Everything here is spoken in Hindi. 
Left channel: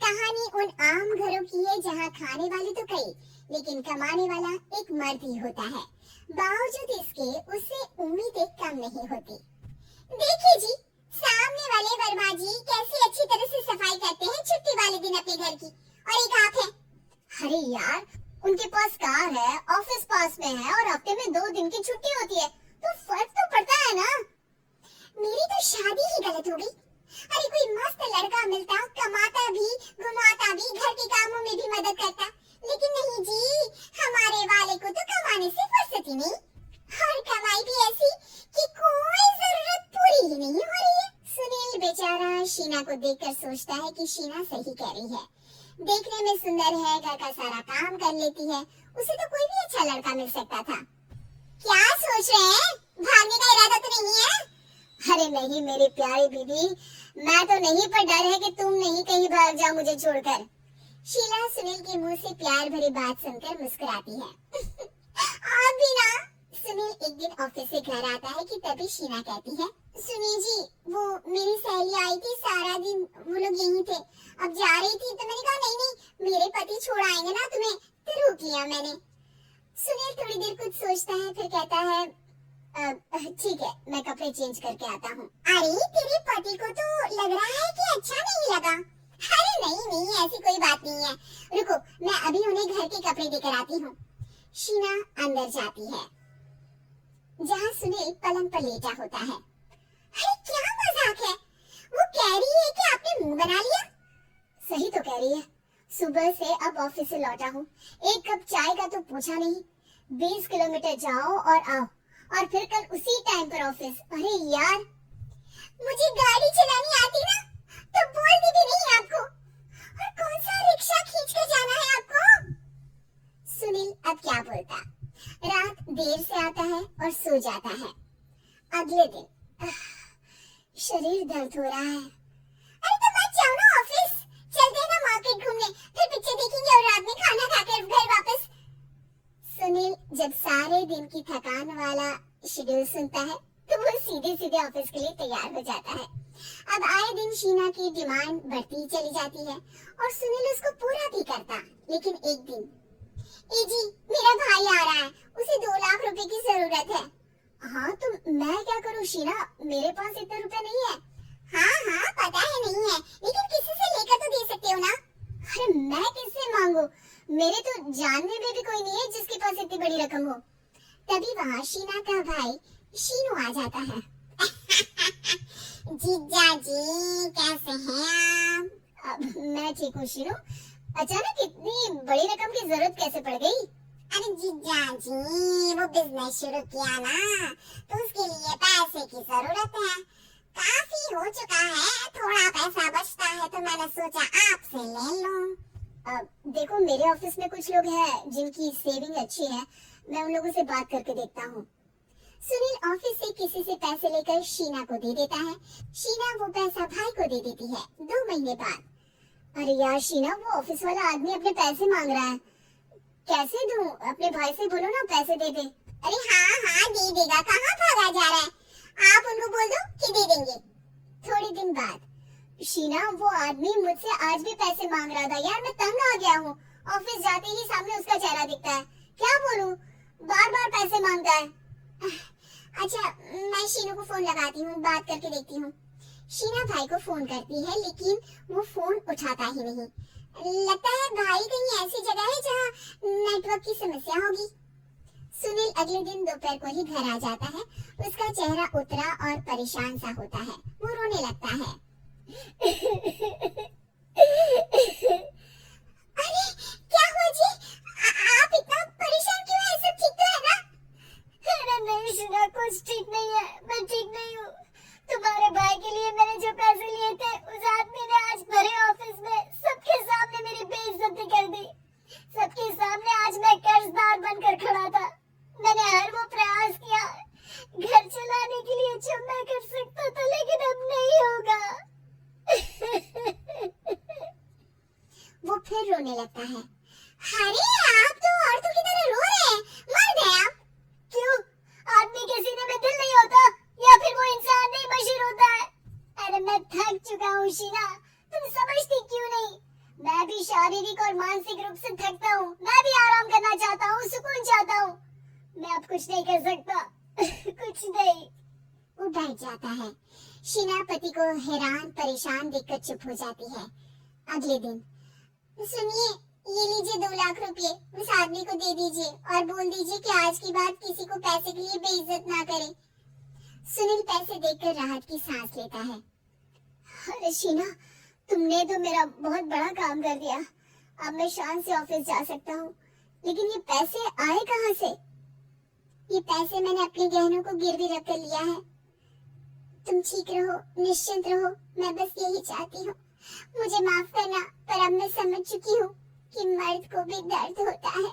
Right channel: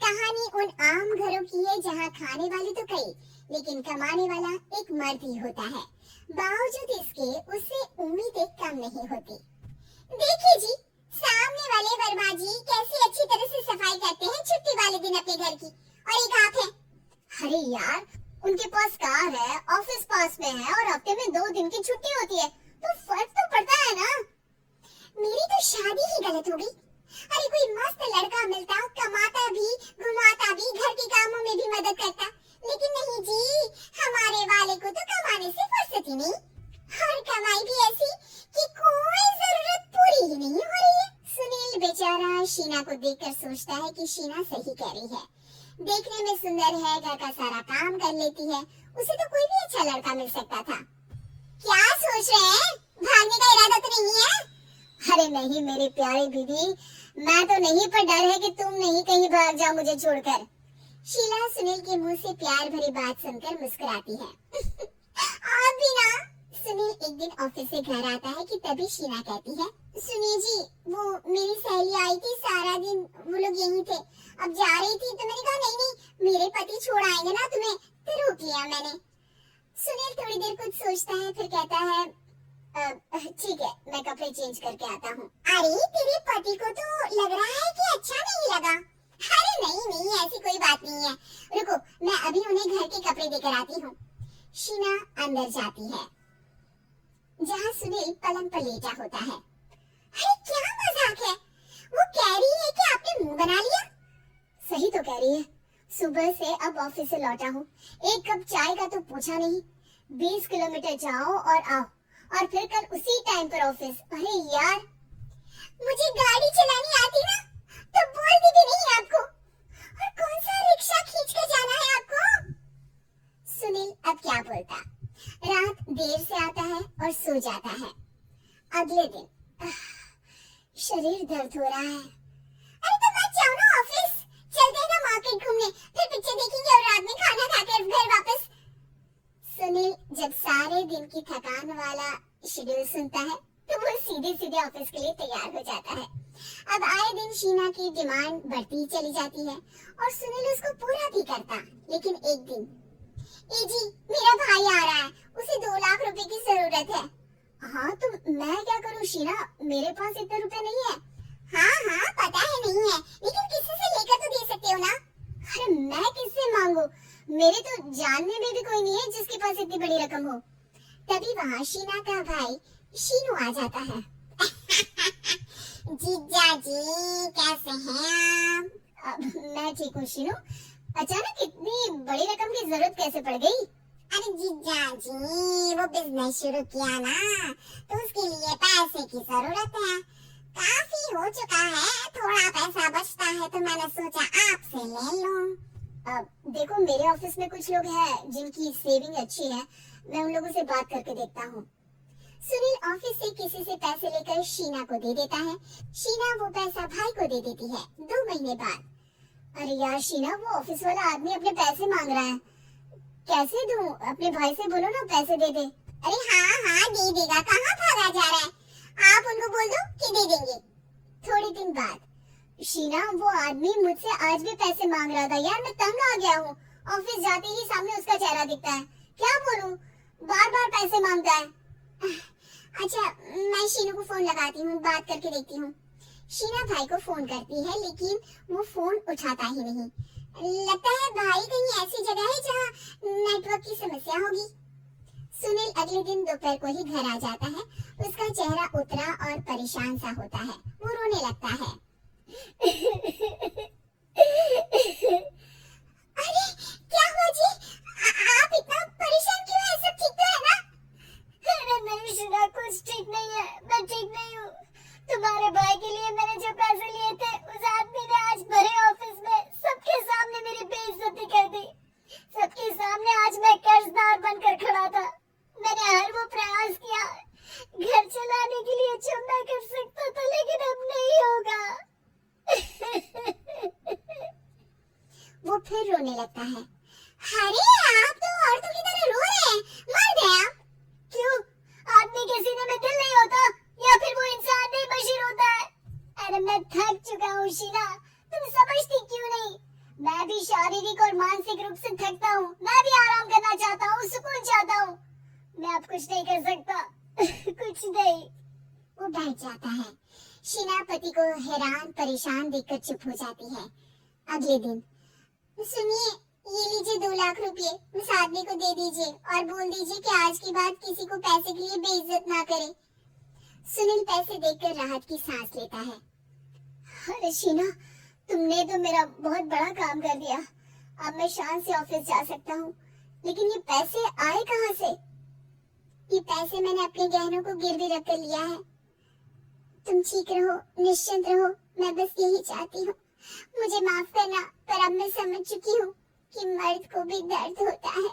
कहानी उन आम घरों की है जहाँ खाने वाले तो कई, लेकिन कमाने वाला एक मर्द ही होता है। बावजूद इसके उसे उम्मीदें कम नहीं होती। देखिए जी, सामने वाले वर्मा जी कैसी अच्छी तरह से सफाई करते हैं छुट्टी वाले दिन अपने घर की, और एक आप है। अरे यार, उनके पास कार है, ऑफिस पास में है और हफ्ते में 2 दिन की छुट्टी होती है, तो फर्क तो पड़ता है ना। मेरी तो शादी ही गलत हो गई। अरे कोई मस्त लड़का मिलता, कमाता भी, घुमाता भी, घर के कामों में भी मदद करता, लेकिन नहीं जी, हमारे वाले को तो कमाने से फुर्सत ही नहीं, और कमाई भी ऐसी कि कोई जरूरत पूरी ही नहीं हो रही है। सुनील बेचारा शीना को देखकर सोचता है कि शीना सही कह रही है। देखने में सुंदर है, घर का सारा काम कर लेती है, उसे तो कोई भी अच्छा लड़का मिल सकता था। क्या सोच रहे हैं? भागने का इरादा तो नहीं है? अरे नहीं मेरी प्यारी बीबी, मैं तो नहीं, पर डर है कि तुम नहीं कहीं भाग जाओ मुझे छोड़कर। शीला सुनील के मुंह से प्यार भरी बात सुनकर मुस्कुराती है। आप भी ना। सुनील एक दिन ऑफिस से घर आता है कि तभी शीला कहती है, सुनिए जी, वो मेरी सहेली आई थी, सारा दिन वो लोग यहीं थे, अब जा रही थी तो मैंने कहा नहीं नहीं, मेरे पति छोड़ आएंगे ना तुम्हें, तो रोक लिया मैंने। सुनील थोड़ी देर कुछ सोचता है, फिर कहता है, ठीक है, मैं कपड़े चेंज करके आता हूँ। अरे तेरे पति को तो लग रहा है कि अच्छा नहीं लगा। अरे नहीं नहीं, ऐसी कोई बात नहीं है, रुको मैं अभी उन्हें घर के कपड़े देकर आती हूँ। शीना अंदर जाती है, जहाँ सुनील पलंग पर लेटा होता है। अरे क्या मजाक है, वो कह रही है कि आपने मुंह बना लिया। सही तो कह रही है, सुबह से अब ऑफिस से लौटा हूँ, एक कप चाय का तो पूछा नहीं, 20 किलोमीटर जाओ और आओ, और फिर कल उसी टाइम पर ऑफिस। अरे यार, मुझे गाड़ी चलानी आती ना तो बोलती भी नहीं आपको, और कौन सा रिक्शा खींच के जाना है आपको। सुनील अब क्या बोलता। रात देर से आता है और सो जाता है। अगले दिन शरीर दर्द हो रहा है। अरे तो मत जाओ ना ऑफिस, चलते हैं ना मार्केट घूमने, फिर पिक्चर देखेंगे और रात में खाना खाकर घर वापस। सुनील जब सारे दिन की थकान वाला शेड्यूल सुनता है तो वो सीधे सीधे ऑफिस के लिए तैयार हो जाता है। अब आए दिन शीना की डिमांड बढ़ती चली जाती है और सुनील उसको पूरा भी करता, लेकिन एक दिन, ए जी मेरा भाई आ रहा है, उसे 2 लाख रुपए की जरूरत है। हाँ तो मैं क्या करूँ शीना, मेरे पास इतना रुपया नहीं है। हाँ हाँ पता है नहीं है, लेकिन किसी से लेकर तो दे सकते हो ना। अरे मैं किससे मांगू, मेरे तो जानने में भी कोई नहीं है जिसके पास इतनी बड़ी रकम हो। तभी वहाँ शीना का भाई शीनू आ जाता है। जीजा जी कैसे हैं आप? मैं ठीक हूँ शीनू, अचानक इतनी बड़ी रकम की जरूरत कैसे पड़ गई? अरे जीजा जी, वो बिजनेस शुरू किया ना, तो उसके लिए पैसे की जरूरत है, काफी हो चुका है, थोड़ा पैसा बचता है तो मैंने सोचा आपसे ले लो। देखो मेरे ऑफिस में कुछ लोग हैं जिनकी सेविंग अच्छी है, मैं उन लोगों से बात करके देखता हूँ। सुनील ऑफिस से किसी से पैसे लेकर शीना को दे देता है। शीना वो पैसा भाई को दे देती है। 2 महीने बाद, अरे यार शीना, वो ऑफिस वाला आदमी अपने पैसे मांग रहा है, कैसे दूं? अपने भाई से बोलो ना पैसे दे दे। अरे हाँ हाँ दे देगा, कहाँ भागा जा रहा है, आप उनको बोल दो कि दे देंगे। थोड़े दिन बाद, शीना वो आदमी मुझसे आज भी पैसे मांग रहा था यार, मैं तंग आ गया हूँ, ऑफिस जाते ही सामने उसका चेहरा दिखता है, क्या बोलूं, बार बार पैसे मांगता है। अच्छा मैं शीनू को फोन लगाती हूँ, बात करके देखती हूँ। शीना भाई को फोन करती है, लेकिन वो फोन उठाता ही नहीं। लगता है भाई कहीं ऐसी जगह है जहाँ नेटवर्क की समस्या होगी। सुनील अगले दिन दोपहर को ही घर आ जाता है। उसका चेहरा उतरा और परेशान सा होता है, वो रोने लगता है। अरे क्या हुआ जी, आप इतना परेशान क्यों हैं? सब ठीक तो है ना? अरे नहीं शीना, कुछ ठीक नहीं है, मैं ठीक नहीं हूँ। तुम्हारे भाई के लिए मैंने जो पैसे लिए थे, उस आदमी ने आज भरे ऑफिस में सबके सामने मेरी बेइज्जती कर दी। सबके सामने आज मैं कर्जदार बनकर खड़ा था। मैंने हर वो प्रयास किया घर चलाने के लिए जो मैं कर सकता था, लेकिन अब नहीं होगा। वो फिर रोने लगता है। अरे आप तो औरतों की तरह रो रहे हैं, मर्द हैं आप। क्यों, आदमी के सीने में दिल नहीं होता, या फिर वो इंसान नहीं मशीन होता है? अरे मैं थक चुका हूँ शीना, तुम समझती क्यों नहीं? वो बैठ जाता है। शीना पति को हैरान परेशान देखकर चुप हो जाती है। अगले दिन, सुनिए, ये लीजिए 2 लाख रुपए, उस आदमी को दे दीजिए और बोल दीजिए कि आज के बाद किसी को पैसे के लिए बेइज्जत ना करे। सुनील पैसे देकर राहत की सांस लेता है। अरे शीना, तुमने तो मेरा बहुत बड़ा काम कर दिया। अब मैं शान से ऑफिस जा सकता हूँ। लेकिन ये पैसे आए कहाँ से? ये पैसे मैंने अपने गहनों को गिरवी रख कर लिया है। तुम ठीक रहो, निश्चिंत रहो, मैं बस यही चाहती हूँ। मुझे माफ करना, पर अब मैं समझ चुकी हूँ कि मर्द को भी दर्द होता है।